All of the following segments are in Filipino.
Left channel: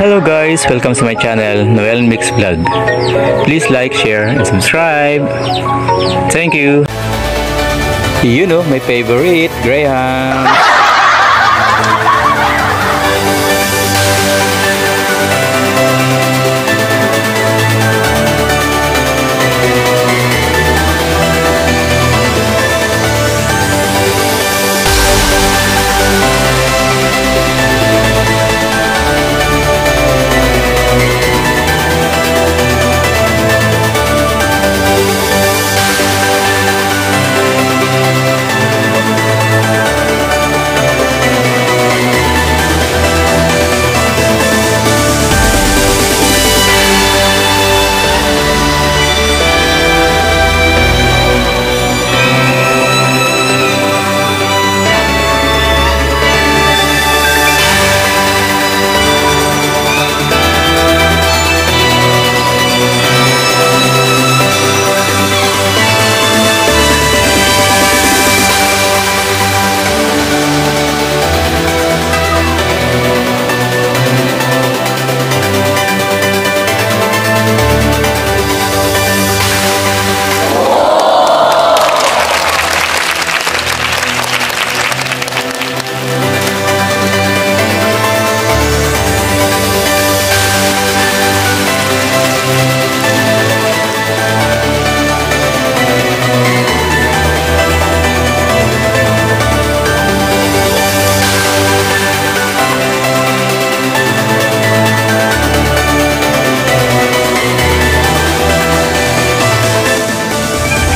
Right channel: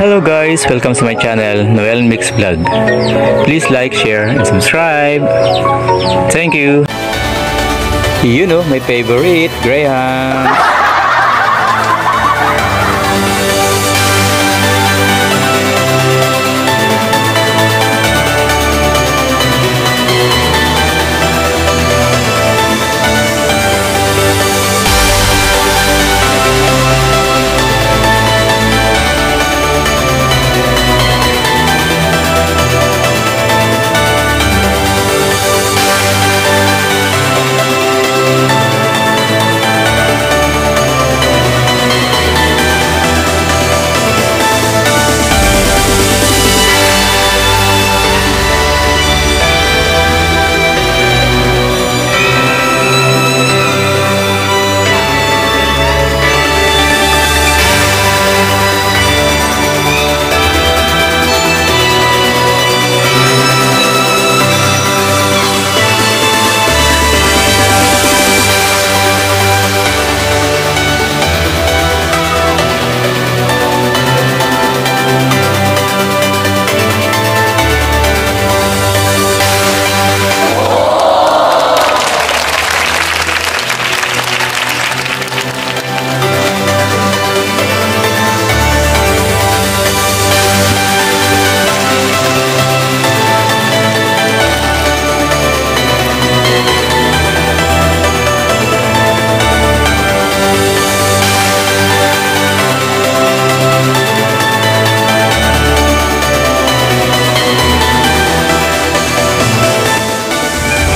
Hello guys, welcome to my channel, Noel Mix Vlog. Please like, share, and subscribe. Thank you. You know, my favorite, Graham.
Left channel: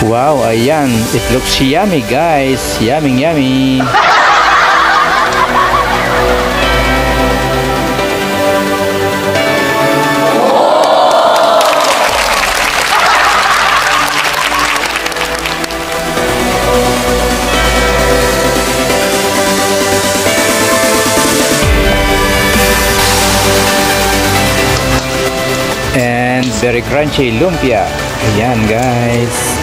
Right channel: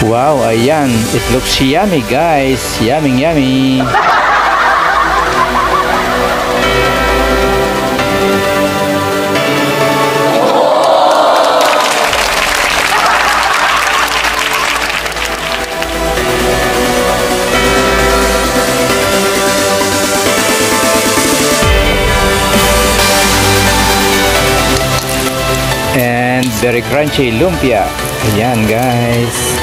Wow, ayan. It looks yummy, guys. Yummy, yummy. And very crunchy lumpia. Ayan, guys.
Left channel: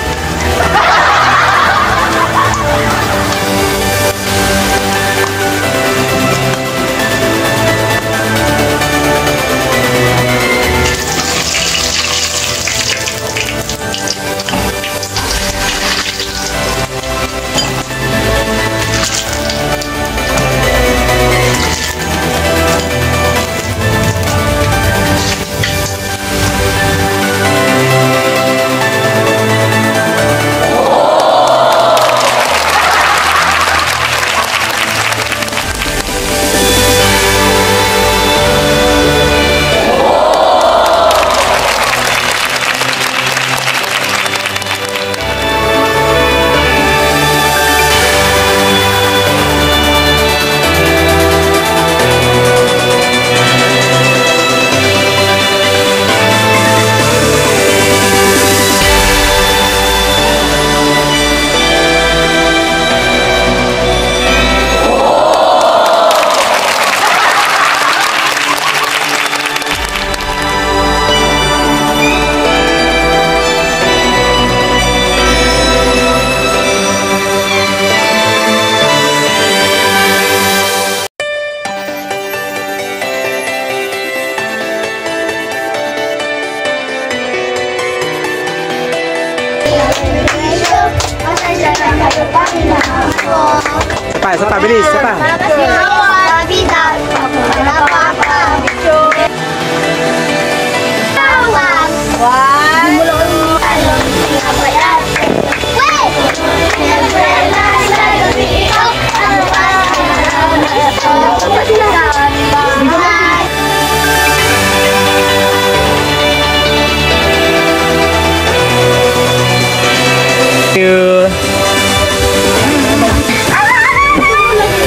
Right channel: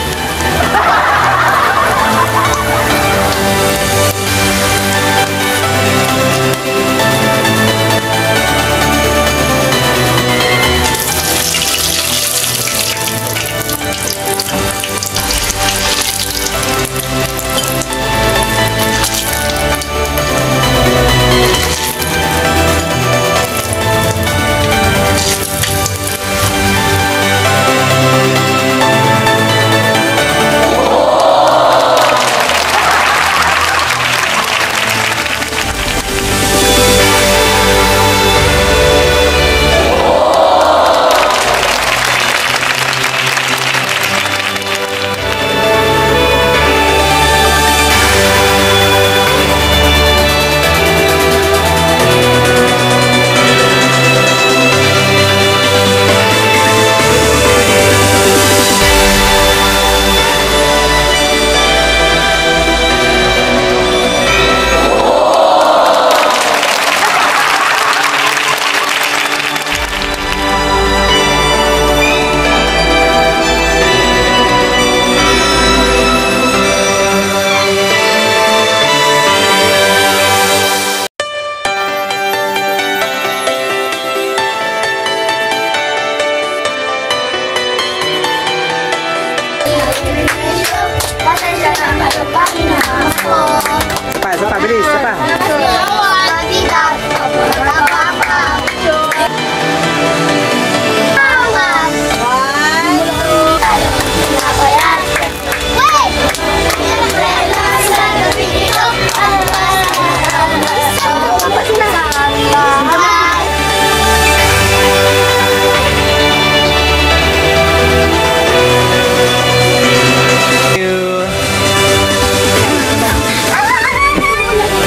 Sapa, bilis, sapa.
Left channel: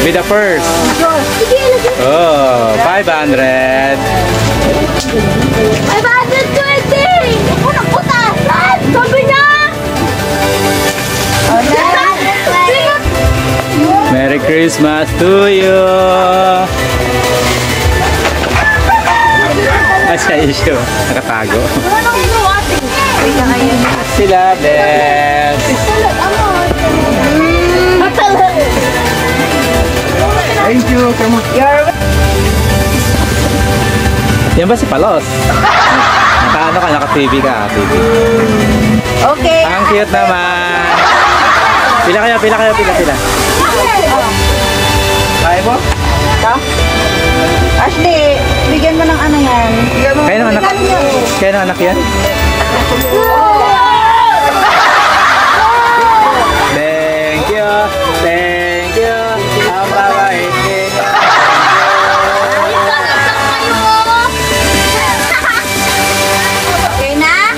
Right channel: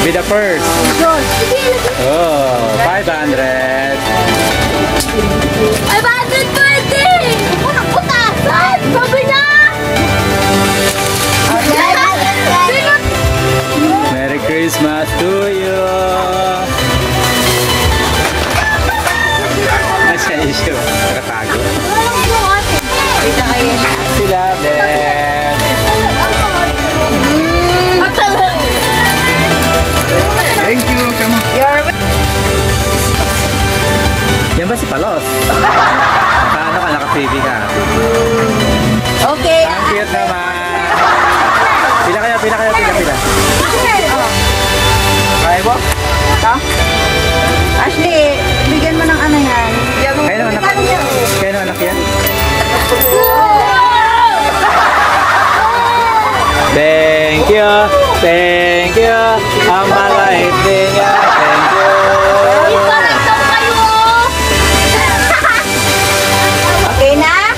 Be the first. Oh, 500. 520. Sabi na. Merry Christmas to you. Asa isyo? Nakatago. Sila, bless. Thank you. Come on. Yan ba si Palos? Naka-ano ka, naka-TV ka. TV. Okay. Ang cute naman. Pila kayo, pila. Kaya mo? Ito? Ashley, bigyan mo ng ano yan. Kaya ng anak yan? Thank you. Ang bagay niya. Thank you. Okay na?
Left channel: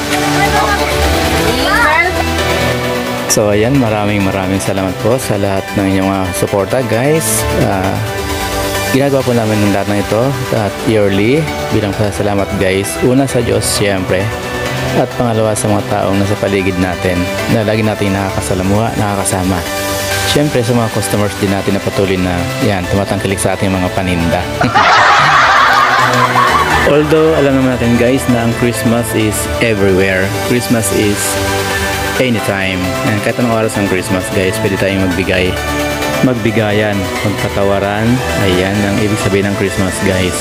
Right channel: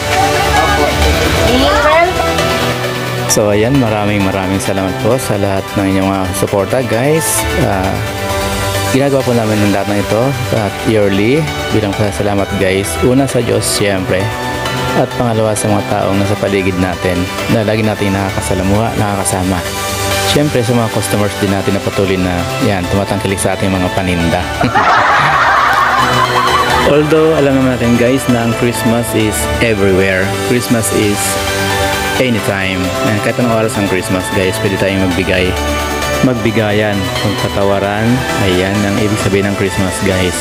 So ayan, maraming salamat po sa lahat ng inyong suporta guys. Ginagawa po namin ng lahat ng ito at yearly bilang pasasalamat guys. Una sa Diyos siyempre, at pangalawa sa mga taong nasa paligid natin na lagi natin nakakasama. Siyempre sa mga customers din natin na patuloy na yan, tumatangkilik sa ating mga paninda. Although alam naman natin guys na ang Christmas is everywhere. Christmas is anytime. And kahit anong oras ang Christmas guys, pwede tayong magbigayan, magpatawaran. Ayan ang ibig sabihin ng Christmas guys.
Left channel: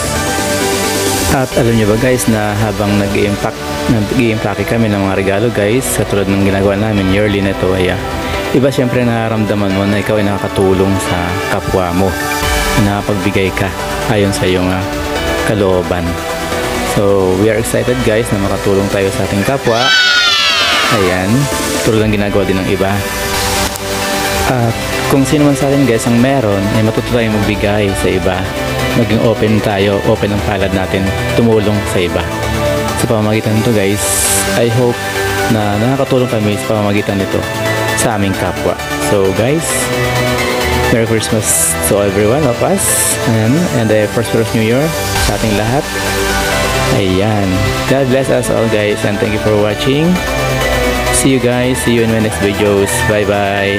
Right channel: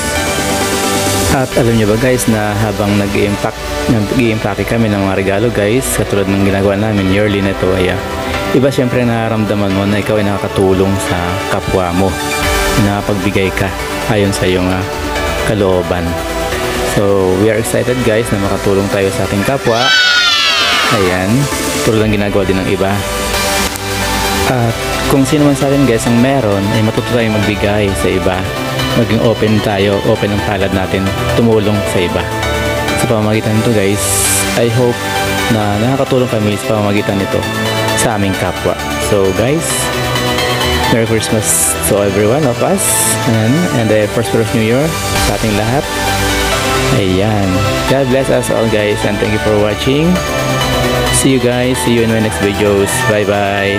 At alam nyo ba guys na habang nag-i-impact kami ng mga regalo guys, katulad ng ginagawa namin yearly na ito, iba syempre nararamdaman mo na ikaw ay nakakatulong sa kapwa mo, nakapagbigay ka ayon sa iyong kalooban. So we are excited guys na makatulong tayo sa ating kapwa. Ayan, tulad ng ginagawa din ng iba. At kung sino man sa atin guys ang meron, ay matuto tayong magbigay sa iba. Maging open tayo, open ang palad natin, tumulong sa iba. Sa pamamagitan nito guys, I hope na nakakatulong kami sa pamamagitan nito sa aming kapwa. So guys, Merry Christmas to every one of us and a prosperous New Year sa ating lahat. Ayan, God bless us all guys and thank you for watching. See you guys, see you in my next videos. Bye bye.